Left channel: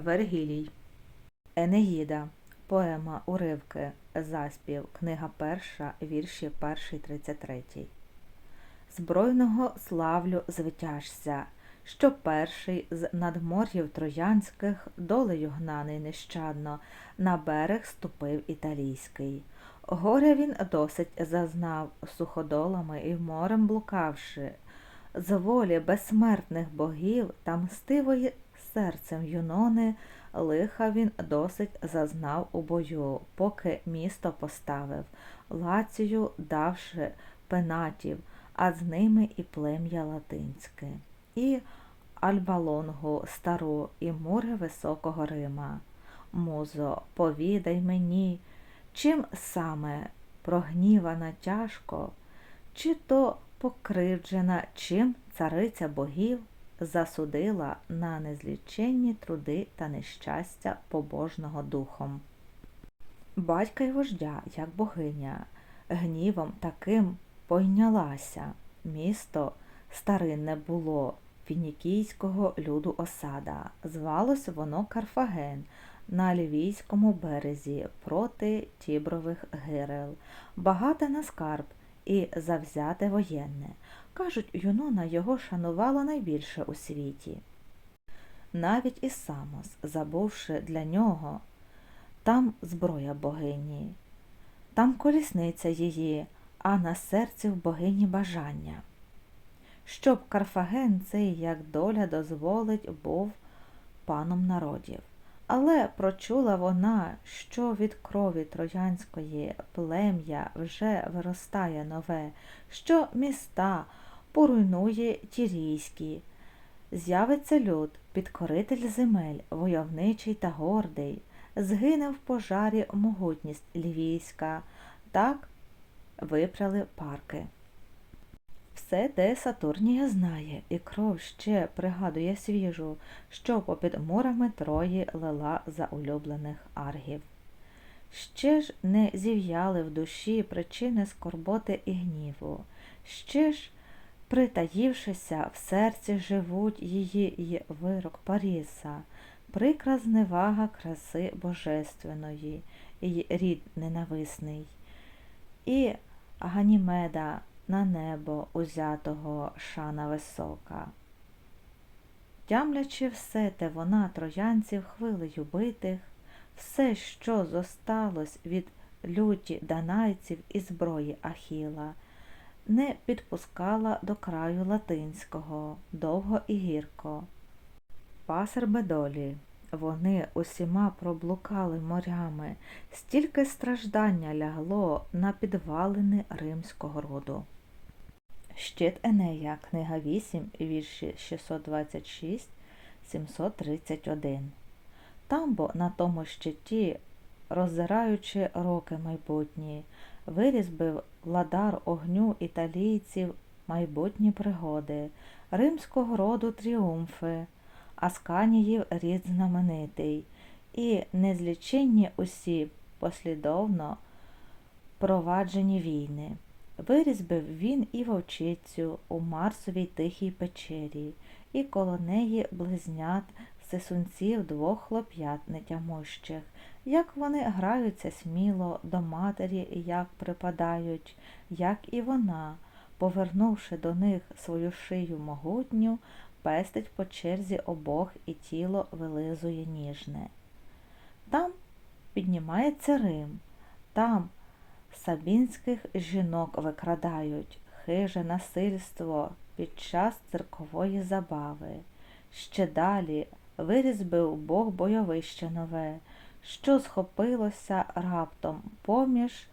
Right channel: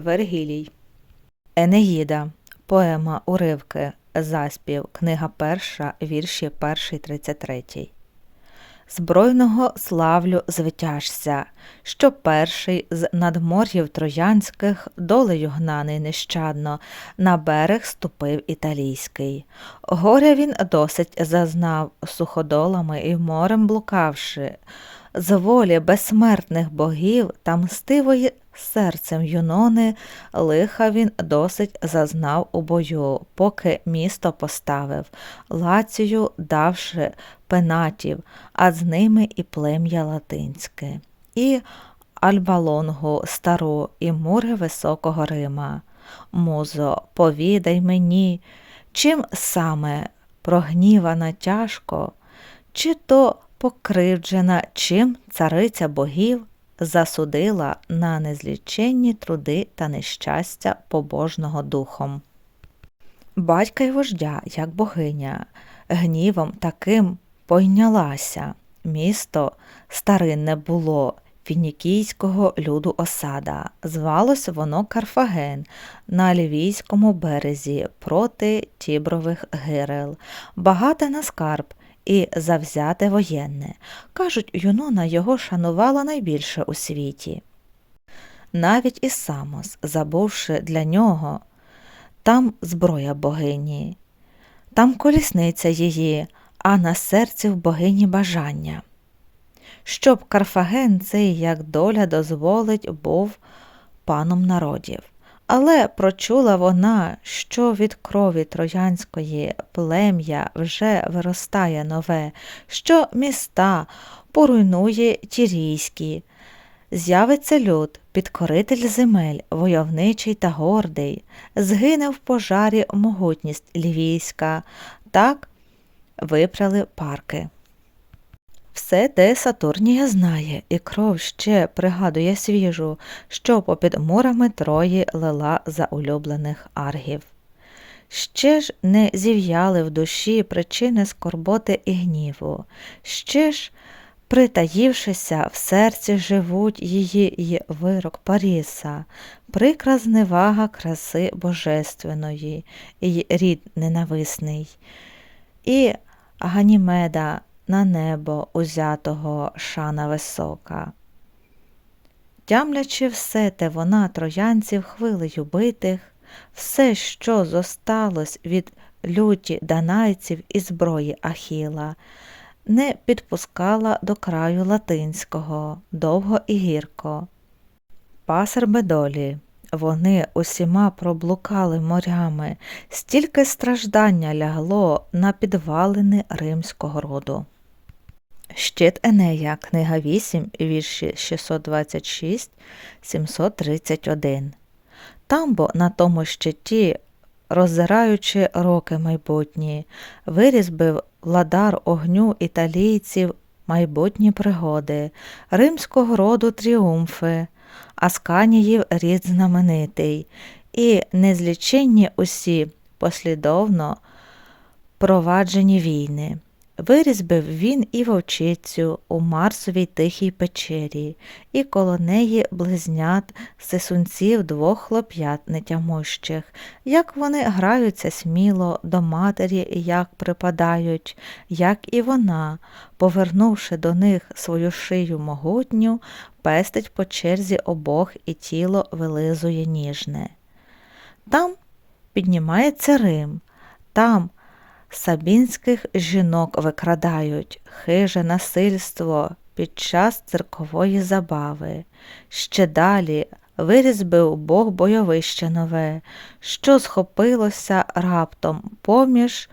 Вергілій. Енеїда. Поема Уривки. Заспів. Книга перша. Вірші 1 33. Збройного славлю звитяжся, що перший з надмор'їв троянських долею гнаний нещадно на берег ступив італійський. Горя він досить зазнав, суходолами і морем блукавши, з волі безсмертних богів та мстивої серцем юнони лиха він досить зазнав у бою, поки місто поставив, лацію давши пенатів, а з ними і плем'я латинське, і Альбалонгу стару, і мури високого Рима. Музо, повідай мені, чим саме прогнівана тяжко, чи то покривджена, чим цариця богів засудила на незліченні труди та нещастя побожного духом. Батька й вождя, як богиня, гнівом таким пойнялася. Місто старинне було, фінікійського люду осада. Звалось воно Карфаген на лівійському березі проти Тібрових гирел, багате на скарб і завзяте воєнне. Кажуть, Юнона його шанувала найбільше у світі. Навіть і Самос, забувши для нього, там зброя богині, там колісниця її, а на серці в богині бажання. Щоб Карфаген цей, як доля дозволить, був паном народів. Але прочула вона, що від крові троянської плем'я вже виростає нове, що міста поруйнує тірійські. З'явиться люд, підкоритель земель, войовничий та гордий, згине в пожарі могутність лівійська, так випряли парки. Все те Сатурнія знає, і кров ще пригадує свіжу, що попід мурами Трої лила за улюблених аргів. Ще ж не зів'яли в душі причини скорботи і гніву, ще ж, притаївшися, в серці живуть її й вирок Паріса, прикра зневага краси божественної, і рід ненависний, і Ганімеда на небо узятого шана висока. Тямлячи все те вона троянців хвилею битих, все, що зосталось від люті данайців і зброї Ахіла, не підпускала до краю латинського, довго і гірко. Пасер бедолі, вони усіма проблукали морями, стільки страждання лягло на підвалини римського роду. Щит Енея, книга 8, вірші 626, 731. Тамбо на тому щиті, роззираючи роки майбутні, вирізбив владар огню італійців майбутні пригоди, римського роду тріумфи, Асканіїв рід знаменитий, і незліченні усі послідовно проваджені війни. Вирізбив він і вовчицю у Марсовій тихій печері, і коло неї близнят сисунців двох хлоп'ят нетямущих, як вони граються сміло до матері, як припадають, як і вона, повернувши до них свою шию могутню, пестить по черзі обох і тіло вилизує ніжне. Там піднімається Рим, там Сабінських жінок викрадають, хиже насильство під час циркової забави. Ще далі вирізбив Бог бойовище нове, що схопилося раптом поміж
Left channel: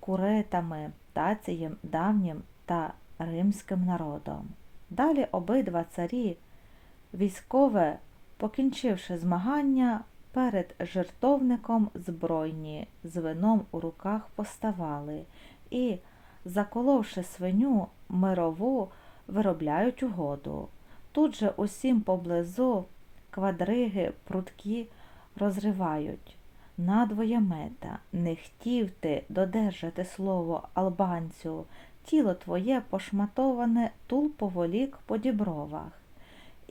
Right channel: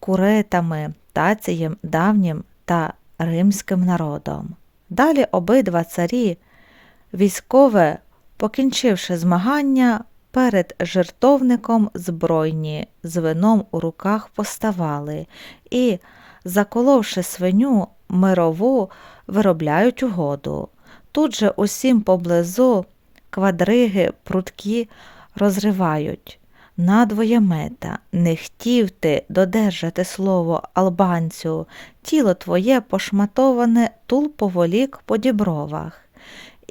куретами, тацієм давнім та римським народом. Далі обидва царі, військове, покінчивши змагання, Перед жертовником збройні з вином у руках поставали і, заколовши свиню мирову, виробляють угоду. Тут же усім поблизу квадриги, прутки розривають. Надвоє мета, не хтів ти додержати слово албанцю, тіло твоє пошматоване тул поволік по дібровах.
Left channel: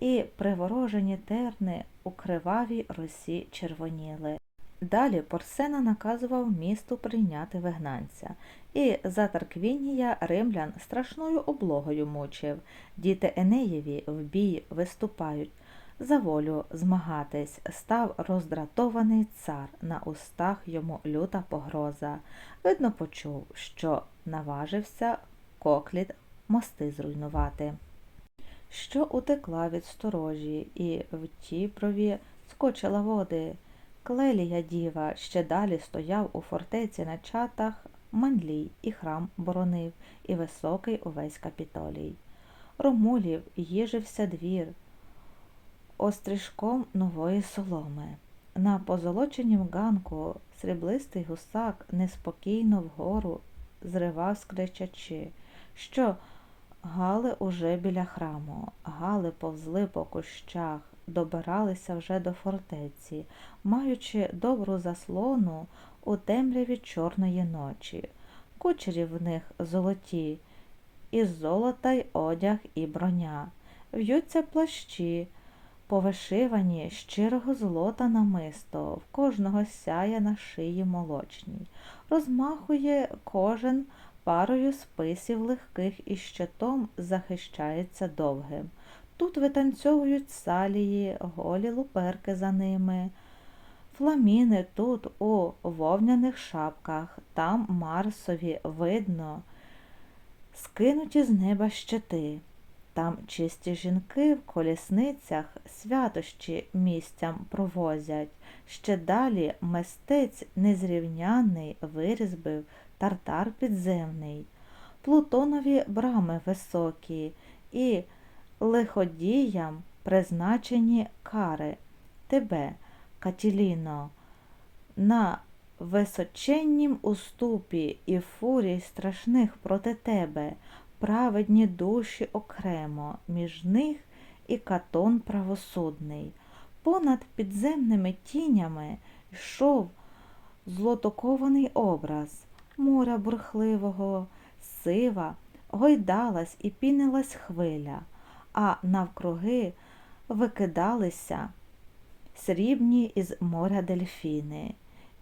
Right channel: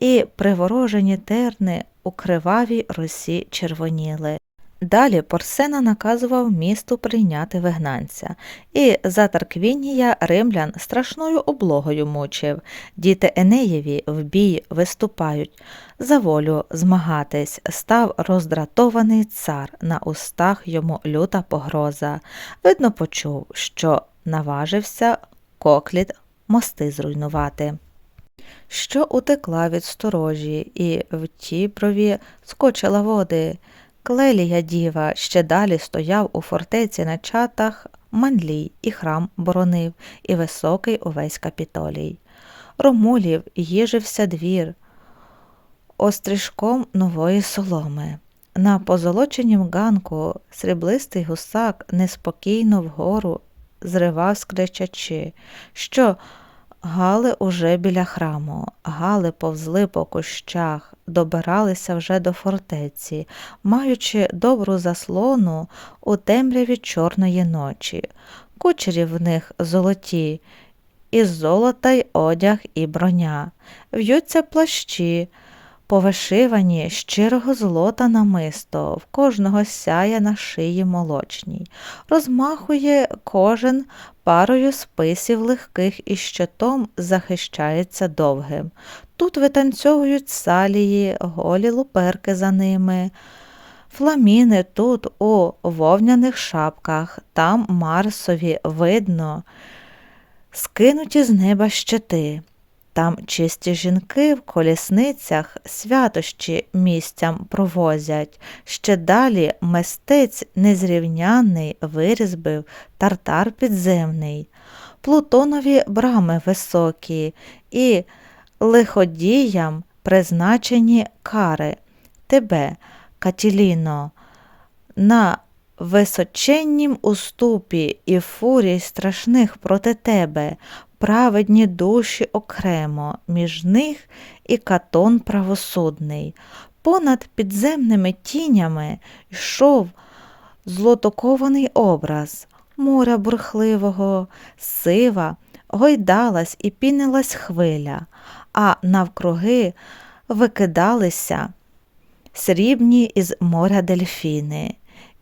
І приворожені терни у кривавій росі червоніли. Далі Порсена наказував місту прийняти вигнанця, і за Тарквінія римлян страшною облогою мучив. Діти Енеєві в бій виступають, за волю змагатись, став роздратований цар, на устах йому люта погроза. Видно, почув, що наважився кокліт мости зруйнувати. Що утекла від сторожі, і в Тіброві скочила води. Клелія діва ще далі стояв у фортеці на чатах Манлій і храм боронив, і високий увесь капітолій. Ромулів їжився двір острижком нової соломи. На позолоченім ганку сріблистий гусак неспокійно вгору зривав скричачи, що гали уже біля храму, гали повзли по кущах, добиралися вже до фортеці, маючи добру заслону у темряві чорної ночі. Кучері в них золоті, із золота й одяг і броня, в'ються плащі, повишивані щирого злота намисто, в кожного сяє на шиї молочній, розмахує кожен парою списів легких і щитом захищається довгим. Тут витанцьовують салії, голі луперки за ними. Фламіни тут у вовняних шапках, там Марсові видно, скинуті з неба щити. Там чисті жінки в колісницях святощі місцям провозять. Ще далі мистець незрівняний вирізбив тартар підземний, Плутонові брами високі і лиходіям призначені кари. Тебе, Катіліно, на височеннім уступі і фурій страшних проти тебе, праведні душі окремо, між них і катон правосудний. Понад підземними тінями йшов злотокований образ моря бурхливого, сива, гойдалась і пінилась хвиля, а навкруги викидалися срібні із моря дельфіни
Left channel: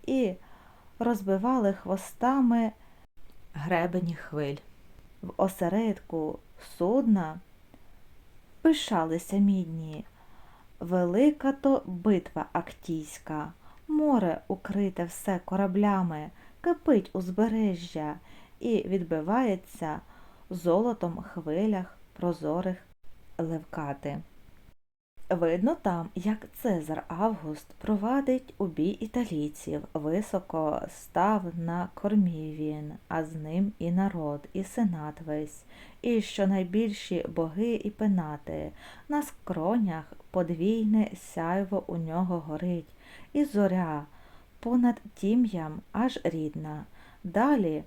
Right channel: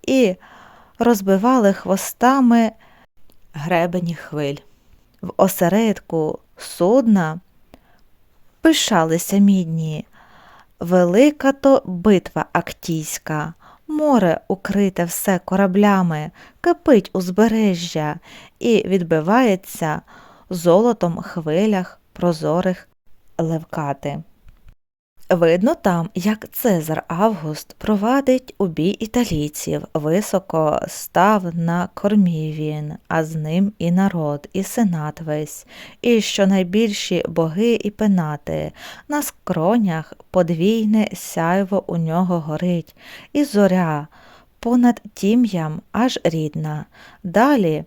і розбивали хвостами гребені хвиль. В осередку судна пишалися мідні. Велика то битва актійська, море укрите все кораблями, кипить узбережжя і відбивається золотом хвилях прозорих левкати. Видно там, як Цезар Август провадить у бій італійців, високо став на кормі він, а з ним і народ, і сенат весь, і що найбільші боги і пенати, на скронях подвійне сяйво у нього горить, і зоря понад тім'ям аж рідна. Далі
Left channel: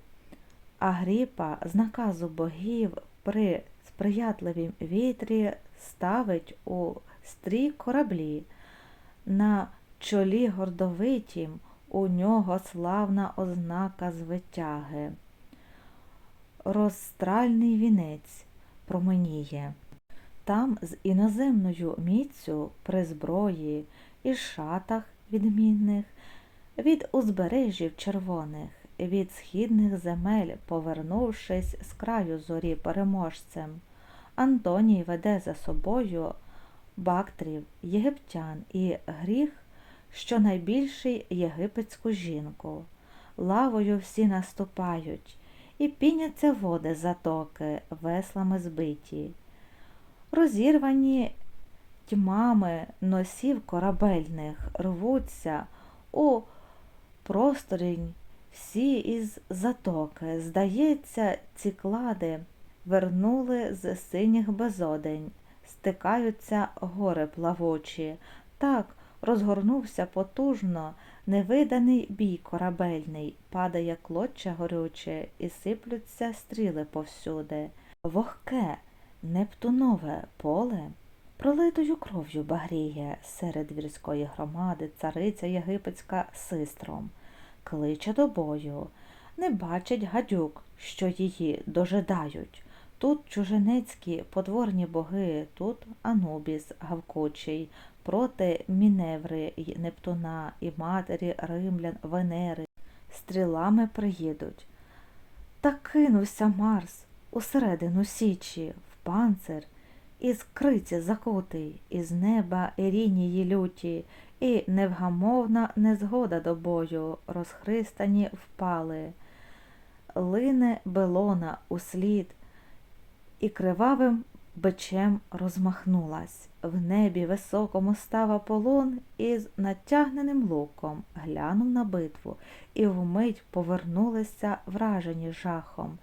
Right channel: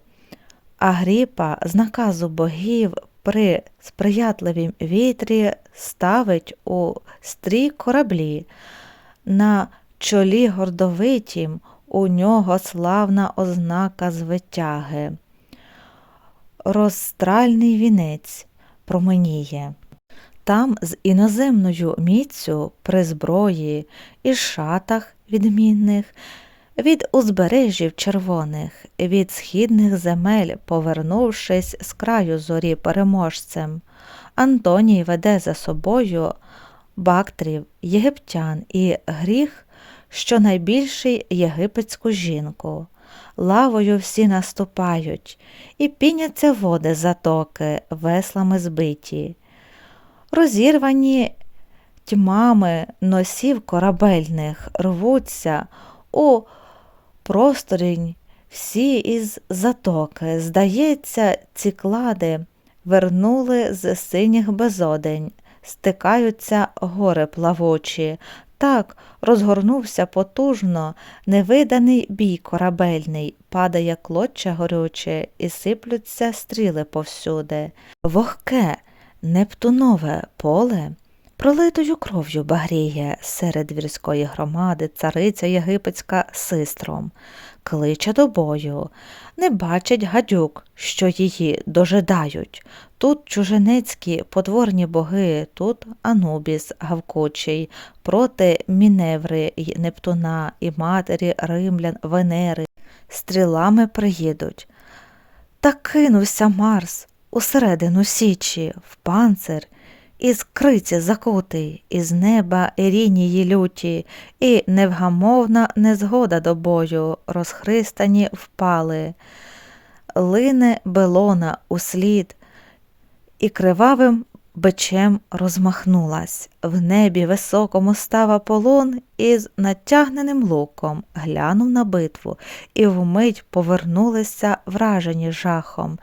Агріпа з наказу богів при сприятливім вітрі ставить у стрій кораблі. На чолі гордовитім у нього славна ознака звитяги. Розстральний вінець променіє. Там з іноземною міцю при зброї і шатах відмінних від узбережжів червоних, від східних земель, повернувшись з краю зорі переможцем, Антоній веде за собою бактрів, єгиптян і гріх, що найбільший єгипетську жінку. Лавою всі наступають, і піняться води затоки, веслами збиті. Розірвані тьмами носів корабельних рвуться у просторінь всі із затоки. Здається, ці клади вернули з синіх безодень, стикаються гори плавучі. Так розгорнувся потужно невиданий бій корабельний, падає клоччя горюче і сиплються стріли повсюди. Вогке, нептунове поле пролитою кров'ю багріє серед вірської громади цариця єгипетська систром, кличе до бою, не бачить гадюк, що її дожидають. Тут чужинецькі потворні боги, тут Анубіс гавкучий, проти Міневри й Нептуна і матері римлян Венери. Стрілами приїдуть. Та кинувся Марс усередину січі, в панцир, із криці закутий, із неба Ірінії люті, і невгамовна незгода до бою, розхристані впали. Лине белона услід, і кривавим бичем розмахнулась. В небі високому став Аполлон із натягненим луком, глянув на битву, і вмить повернулися вражені жахом.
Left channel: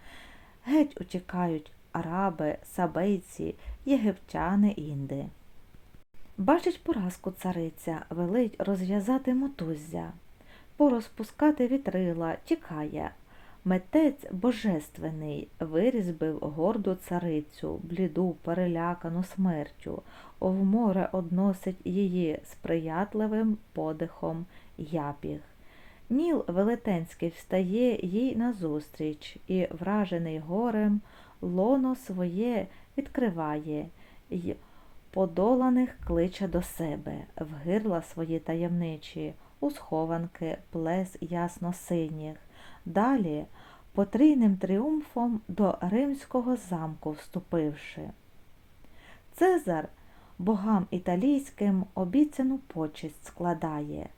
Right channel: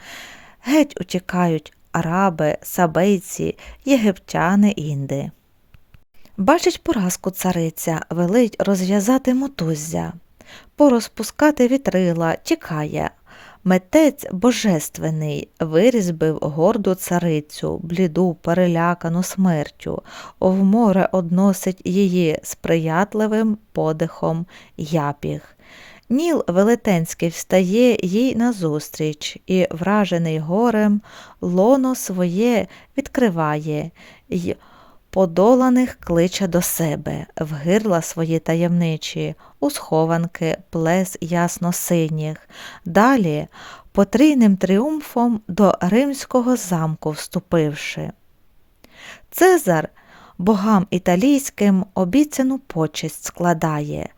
Геть утікають араби, сабейці, єгиптяни, інди. Бачить поразку цариця, велить розв'язати мотуззя, порозпускати вітрила, тікає. Метець божественний вирізбив горду царицю, бліду, перелякану смертю, в море односить її сприятливим подихом япіг. Ніл велетенський встає їй назустріч і, вражений горем, лоно своє відкриває й подоланих кличе до себе, в гирла свої таємничі, у схованки плес ясно синіх. Далі потрійним тріумфом до римського замку вступивши. Цезар богам італійським обіцяну почесть складає.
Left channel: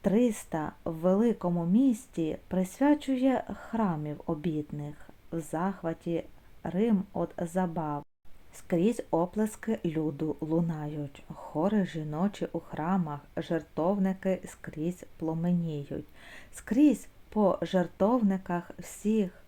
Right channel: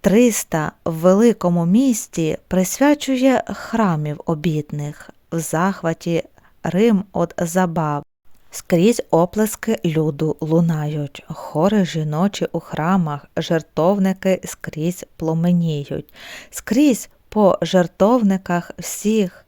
Триста в великому місті присвячує храмів обітних, в захваті Рим от забав. Скрізь оплески люду лунають, хори жіночі у храмах, жертовники скрізь пломеніють, скрізь по жертовниках всіх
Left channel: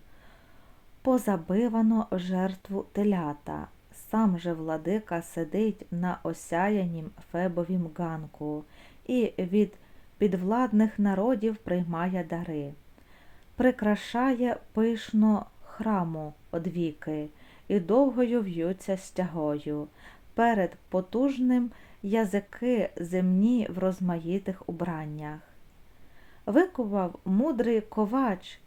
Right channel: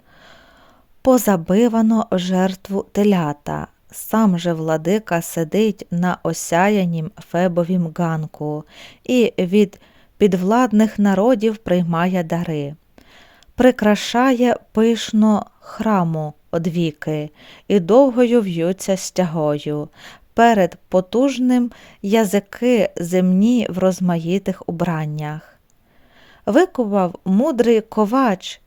позабивано жертву телята. Сам же владика сидить на осяянім фебовім ганку і від підвладних народів приймає дари, прикрашає пишно храму одвіки і довгою в'ються стягою. Перед потужним язики земні в розмаїтих убраннях. Викував мудрий ковач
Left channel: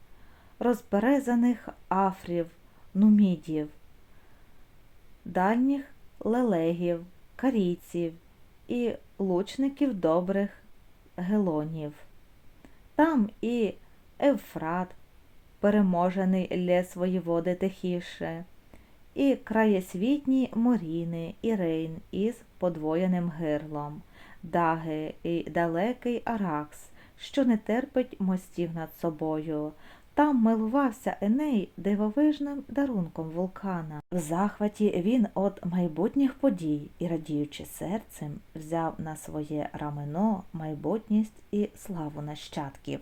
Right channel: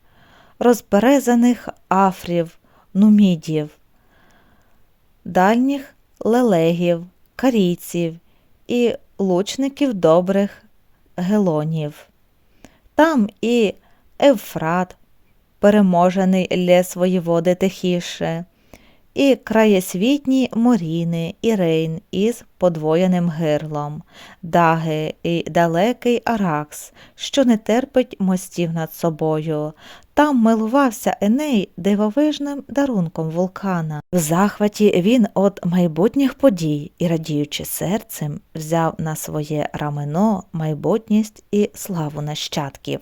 розберезаних афрів, нумідів, дальніх лелегів, карійців і лучників добрих гелонів. Там і Евфрат, переможений для свої води тихіше, і краєсвітні моріни і рейн із подвоєним гирлом, даги і далекий Аракс, що не терпить мостів над собою. Там милувався Еней дивовижним дарунком вулкана. В захваті він от майбутніх подій і, радіючи серцем, взяв на своє рамено майбутність і славу нащадків.